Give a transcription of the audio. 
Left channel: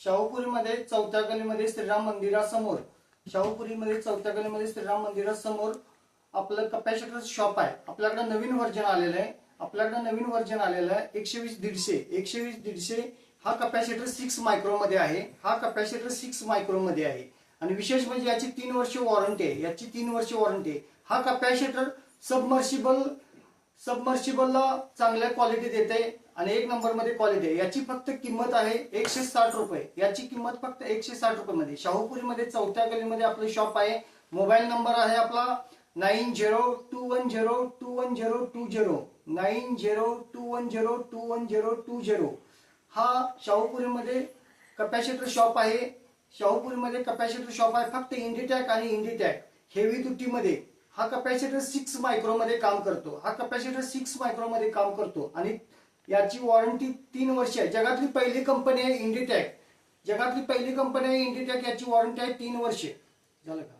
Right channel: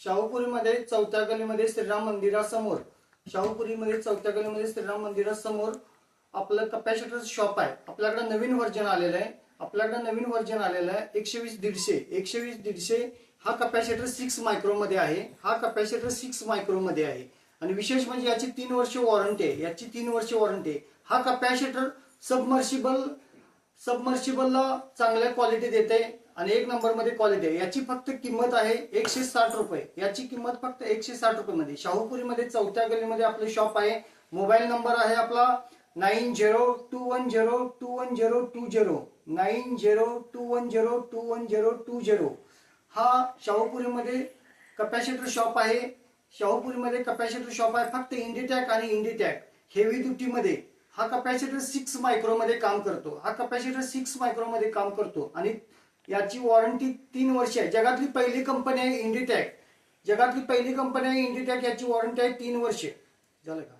शाहूपुरीमध्ये चौथ्या गलीमध्ये श्रीराम मंदिरासमोर श्रीराम मंदिरासमोर आपलं कपॅसिटर शॉप आहे. आपल्याकडे नवीन व्हर्जन आलेलं आहे. 120-150 हा कपॅसिटर 6 मायक्रो मध्ये आहे. आणि विशेष म्हणजे याची 3 वर्ष वॉरंटी आहे. हा कपॅसिटर सबमर्शिबलला चांगल्या क्वालिटी देते आणि 1 नंबर मध्ये क्वालिटी आहे. याची फक्त किंमत आहे 160 रुपये. याची किंमत फक्त 160 रुपये मध्ये. शाहूपुरीमध्ये चौथ्या गलीमध्ये आपलं शॉप आहे. मोबाईल नंबर आहे आपला 9021021020. हा शाहूपुरीमध्ये कपॅसिटर शॉप आहे. फक्त इंडिटॅक आणि इंडिटॅक हेवी ड्युटी मध्ये हा कपॅसिटर 6 मायक्रो मध्ये काम करतो. आणि याची वॉरंटी 3 वर्ष आहे. जगातली पहिली कंपनी आहे इंडिटॅक. याची वॉरंटी आहे 3 वर्ष. झालं का?